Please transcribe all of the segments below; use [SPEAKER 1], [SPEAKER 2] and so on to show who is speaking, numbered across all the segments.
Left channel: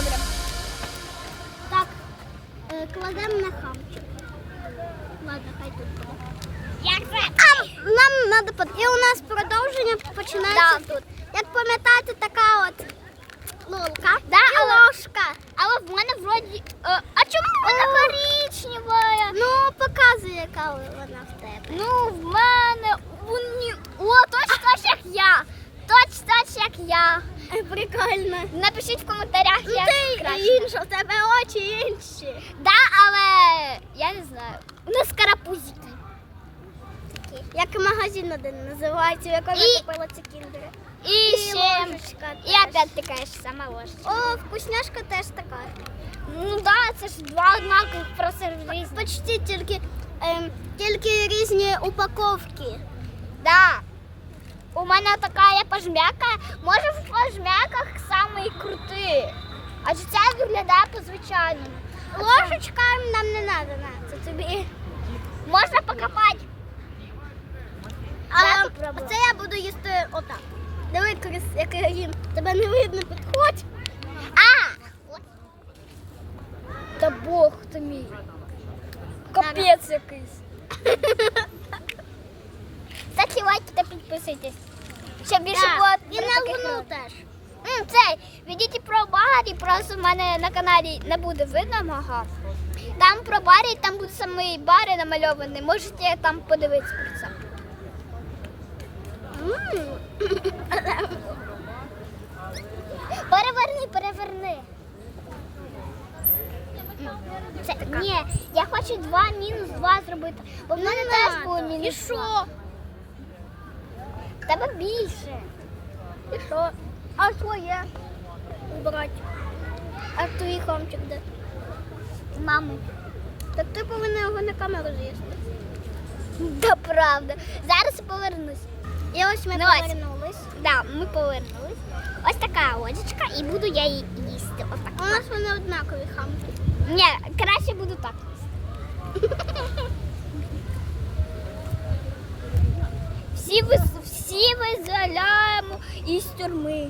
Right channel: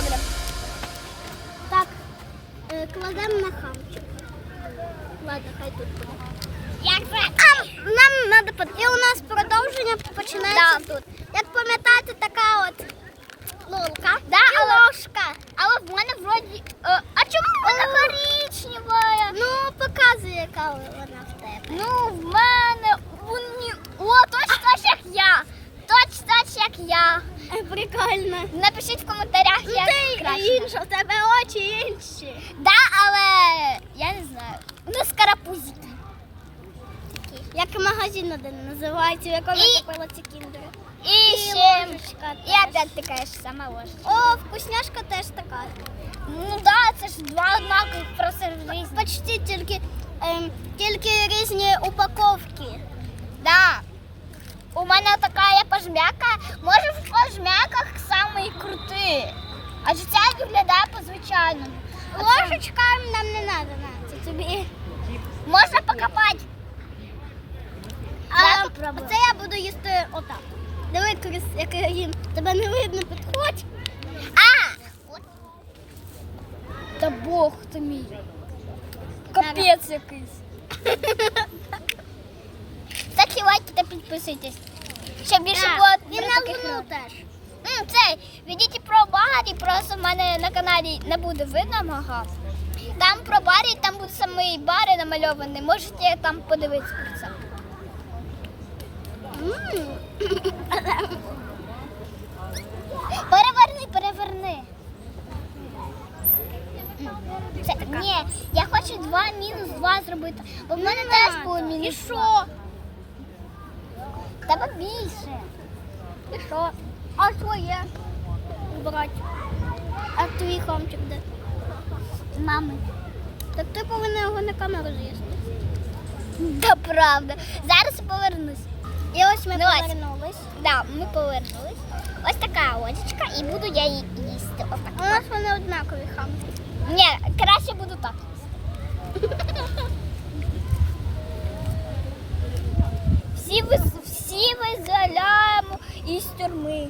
[SPEAKER 1] Добре.
[SPEAKER 2] Так,
[SPEAKER 1] е, кладемо на хамчик. Ладно, хай тут буде. Нам надо под... І
[SPEAKER 2] у
[SPEAKER 1] нас продовження починається
[SPEAKER 2] да. тут.
[SPEAKER 1] Як пам'ятаєте, така от лунка да, і ложка.
[SPEAKER 2] Але в мене вроді. Е, а чому вона коричнева?
[SPEAKER 1] Ну, ну показує, яка вона в тебе.
[SPEAKER 2] Ну, в мене. О, точно так, як я. Точно так, як я.
[SPEAKER 1] Прикольно.
[SPEAKER 2] Напишіть в коментарях,
[SPEAKER 1] Ну,
[SPEAKER 2] як
[SPEAKER 1] ти
[SPEAKER 2] краще.
[SPEAKER 1] інша, в тебе очі інші.
[SPEAKER 2] Да, але я не знаю. Не скарапузити.
[SPEAKER 1] Як магазин один називається, в якому
[SPEAKER 2] І-
[SPEAKER 1] я купила ці кіндери.
[SPEAKER 2] І,
[SPEAKER 1] І
[SPEAKER 2] ще.
[SPEAKER 1] ложечка
[SPEAKER 2] І
[SPEAKER 1] теж.
[SPEAKER 2] опять така ж сама ложка.
[SPEAKER 1] О, вкусняшка теж така.
[SPEAKER 2] Ну да, це ж два однакових, просто різні.
[SPEAKER 1] Почти тільки, ем, тільки різні упаковки.
[SPEAKER 2] Да. У мене така є пожмяка. Може в пожмяках самий крутий. А ж ця виглядає по-звичайному.
[SPEAKER 1] Ложечка нам не треба, на, це тобі.
[SPEAKER 2] Можна покопати.
[SPEAKER 1] А це я буду їсти отак. Диви, Крис, як я їм. Тебе не видно, підходь.
[SPEAKER 2] А! Та Бог ти мій. Капець якийсь. Лайки та підписуйтесь. Щоб більше було про таких
[SPEAKER 1] теж.
[SPEAKER 2] М, Цей, відійдіть про Барі, просто в мене на каналі не буде видно мого. Там про Барі, там буде самий Барі намальований. Можете там подивитися про це. Переверни, переверни. Це, ні, я хочу два мінус два зробити. Бо в мене
[SPEAKER 1] Не
[SPEAKER 2] теж було мінус.
[SPEAKER 1] І що?
[SPEAKER 2] Тебе більше.
[SPEAKER 1] І що? А твоє? Брать. А твій хомчик де?
[SPEAKER 2] Мами.
[SPEAKER 1] Так ти повинна його на камеру з'їсти.
[SPEAKER 2] Да правда. Зараз повернусь.
[SPEAKER 1] І ось ми
[SPEAKER 2] Ну,
[SPEAKER 1] повернулись.
[SPEAKER 2] Да, ми повернулись. Ось така ложечка, і буду я її їсти. Ось так.
[SPEAKER 1] У нас вони однакові хамчики.
[SPEAKER 2] Ні, краще буду так. Всі, виз- всі визволяємо із тюрми.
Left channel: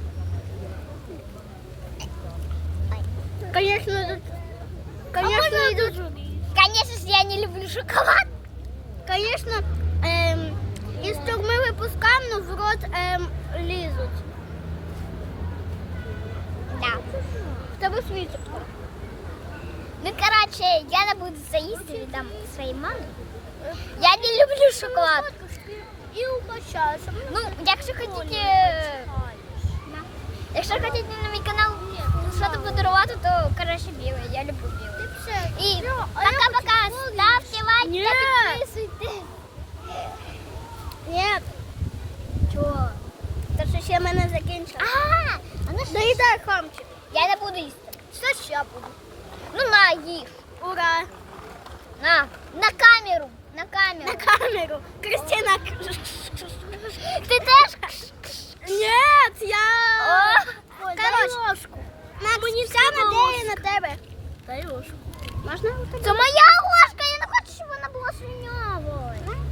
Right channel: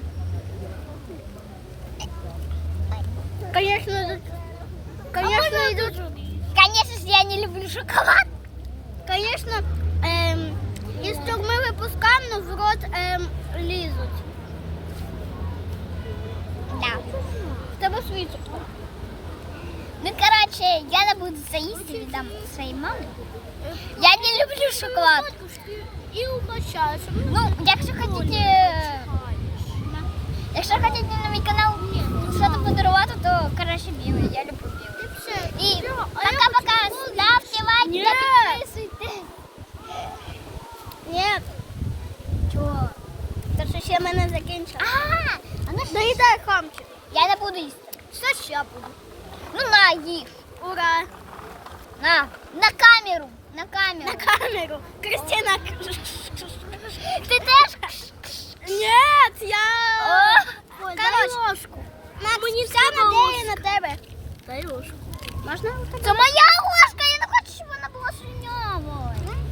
[SPEAKER 1] Конечно, тут- конечно, йдуть.
[SPEAKER 2] Конечно ж, я не люблю шоколад.
[SPEAKER 1] Конечно, ем, із тюрми випускаємо, но в рот ем, лізуть.
[SPEAKER 2] Да.
[SPEAKER 1] В тебе свій цукор.
[SPEAKER 2] Ну, короче, я не буду це їсти, віддам своїй мамі. Я не люблю шоколад.
[SPEAKER 1] І угощаєшся.
[SPEAKER 2] Ну, якщо хочете, якщо хочете на мій канал щось подарувати, то краще білий. Я люблю білий. І пока-пока. Ставте лайки
[SPEAKER 1] Ні.
[SPEAKER 2] та підписуйтесь.
[SPEAKER 1] Ні. Чого? Та що ще в мене закінчилось.
[SPEAKER 2] А, а ну що?
[SPEAKER 1] Доїдай хамчик.
[SPEAKER 2] Я не буду їсти.
[SPEAKER 1] Що ще буду?
[SPEAKER 2] Ну на їж.
[SPEAKER 1] Ура!
[SPEAKER 2] На, на камеру. На камеру.
[SPEAKER 1] На камеру. Кристина.
[SPEAKER 2] Ти теж?
[SPEAKER 1] Ні, я...
[SPEAKER 2] О,
[SPEAKER 1] Ой,
[SPEAKER 2] дай
[SPEAKER 1] дай ложку. На, мені саме ідея на тебе. Дай ложку. Можна?
[SPEAKER 2] Це моя ложка, я не хочу, щоб вона була свинявою.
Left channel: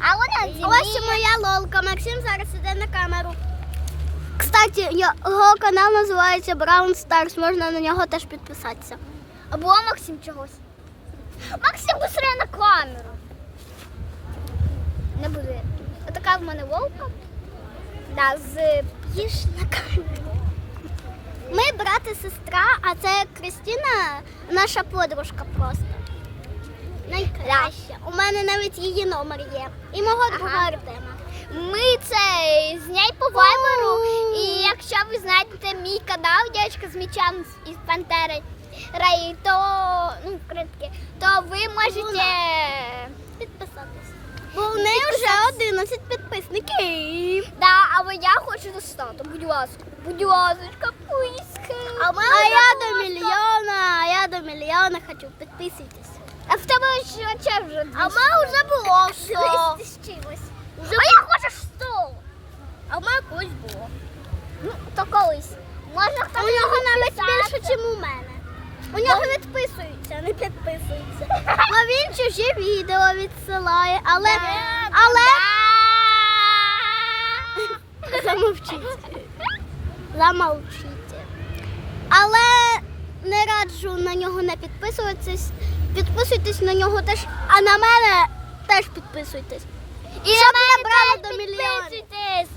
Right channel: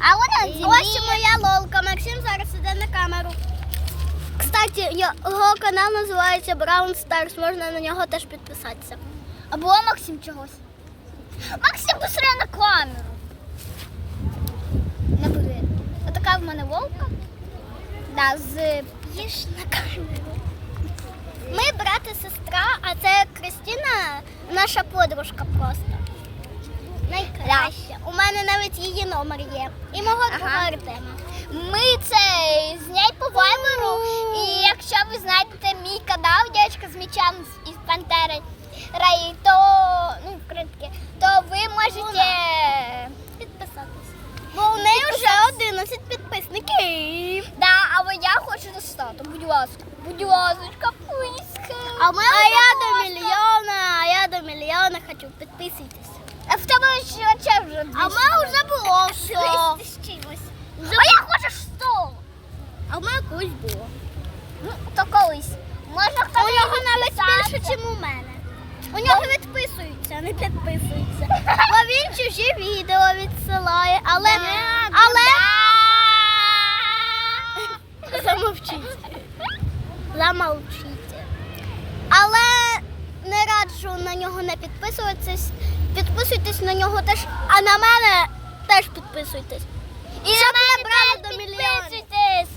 [SPEAKER 2] А вона зі
[SPEAKER 1] Ось моя лолка. Максим зараз іде на камеру. Кстати, його канал називається Brown Stars. Можна на нього теж підписатися.
[SPEAKER 2] Або Максим чогось. Максим быстрее на камеру. Не буде. Отака в мене волка. Да, з
[SPEAKER 1] Їж на камеру. Ми брат і сестра, а це Кристина, наша подружка просто. Найкраща. У мене навіть її номер є. І мого
[SPEAKER 2] Ага.
[SPEAKER 1] Артема.
[SPEAKER 2] Ми це знять по вайберу. І якщо ви знайдете мій канал, дівчинка з з- із Пантери Рей, то ну, вкритки, то ви можете.
[SPEAKER 1] Підписатися. Бо у неї вже 11 підписників.
[SPEAKER 2] Да, але я хочу достати, будь ласка. Будь ласка, писки.
[SPEAKER 1] А, а я до мільйона, а я до мільйона хочу. Підписуйтесь.
[SPEAKER 2] А в тебе ще вже
[SPEAKER 1] А в мене вже було все.
[SPEAKER 2] А я хочу стол.
[SPEAKER 1] А в мене колись було.
[SPEAKER 2] Ну, то колись. Можна хто
[SPEAKER 1] У нього навіть більше, ніж у мене. У нього відписуються, не підписуються. Бо він чужі відео відсилає, але. але... Замовчіть. Замовчіть. Але не раджу на нього не підписуватись. Підписуйтесь на нього теж, а на мене теж підписуйтесь.
[SPEAKER 2] І
[SPEAKER 1] Щоб
[SPEAKER 2] на мене теж
[SPEAKER 1] до
[SPEAKER 2] підписуйтесь.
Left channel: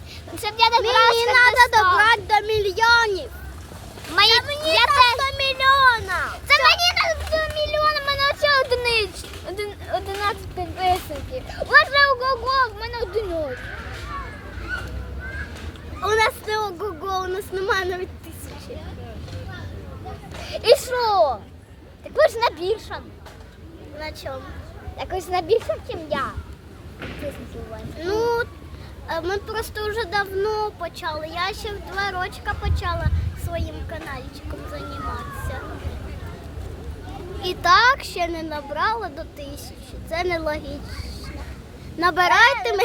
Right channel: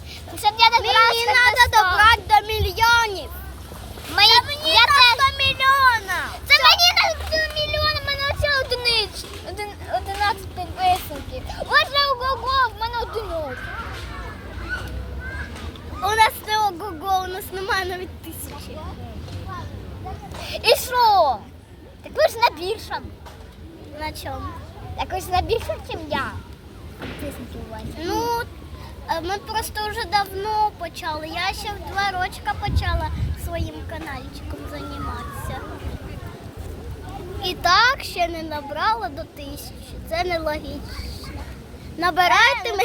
[SPEAKER 2] Щоб я добралась
[SPEAKER 1] Мені треба
[SPEAKER 2] до 100.
[SPEAKER 1] добрати до мільйонів.
[SPEAKER 2] Мені, я теж.
[SPEAKER 1] до мільйона.
[SPEAKER 2] Це мені на до мільйона, в мене оце одиниць. Один, 11 підписників. Оце ого-го, в мене одиночка.
[SPEAKER 1] У нас не ого-го, у нас немає навіть тисячі.
[SPEAKER 2] І що? Так ви ж на більшому.
[SPEAKER 1] На чому?
[SPEAKER 2] Ж на більшому, ніж я.
[SPEAKER 1] Ну, е, ми просто вже давно почали. Я ще в два рочка почала своїм каналчиком займатися. І так ще не набрала до тисячі. Це нелогічно. Набирайте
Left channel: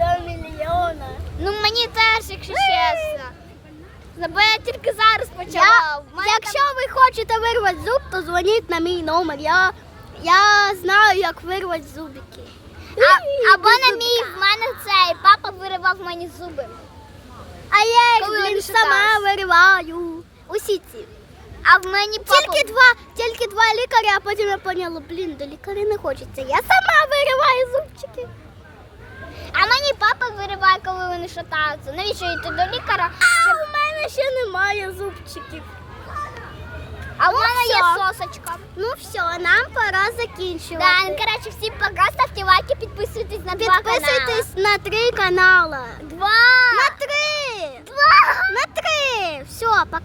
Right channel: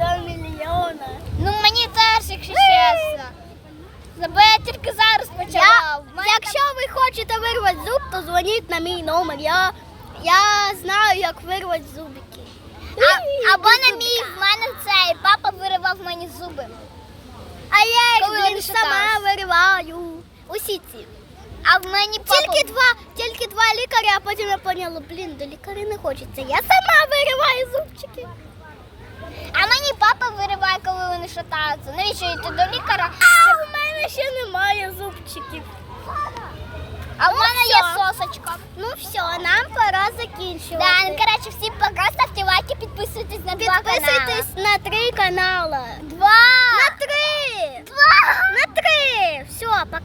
[SPEAKER 2] Е,
[SPEAKER 1] мені до мільйона.
[SPEAKER 2] Ну мені теж, якщо чесно. Бо я тільки зараз почала.
[SPEAKER 1] Я, якщо ви хочете вирвати зуб, то дзвоніть на мій номер. Я, я знаю, як вирвати зубики.
[SPEAKER 2] А, або на мій в мене цей папа виривав мені зуби.
[SPEAKER 1] А я
[SPEAKER 2] Коли
[SPEAKER 1] їх
[SPEAKER 2] вони
[SPEAKER 1] сама вириваю. Усі ці.
[SPEAKER 2] А в мені папа.
[SPEAKER 1] Тільки два, тільки два лікаря, а потім я поняла, блін, до лікаря не хочеться. Я сама вириваю зубчики.
[SPEAKER 2] А мені папа вириває, коли вони шатаються. Навіщо йти до лікаря?
[SPEAKER 1] зубчиків.
[SPEAKER 2] А в
[SPEAKER 1] Ну,
[SPEAKER 2] мене є
[SPEAKER 1] всьо.
[SPEAKER 2] сосочка.
[SPEAKER 1] Ну все, нам пора закінчувати.
[SPEAKER 2] Да, ну коротше, всім пока, ставте лайки, підписуйтесь на два канали.
[SPEAKER 1] Підписуйтесь на три канали.
[SPEAKER 2] Два!
[SPEAKER 1] На три!
[SPEAKER 2] Два!
[SPEAKER 1] На три! Все, пока.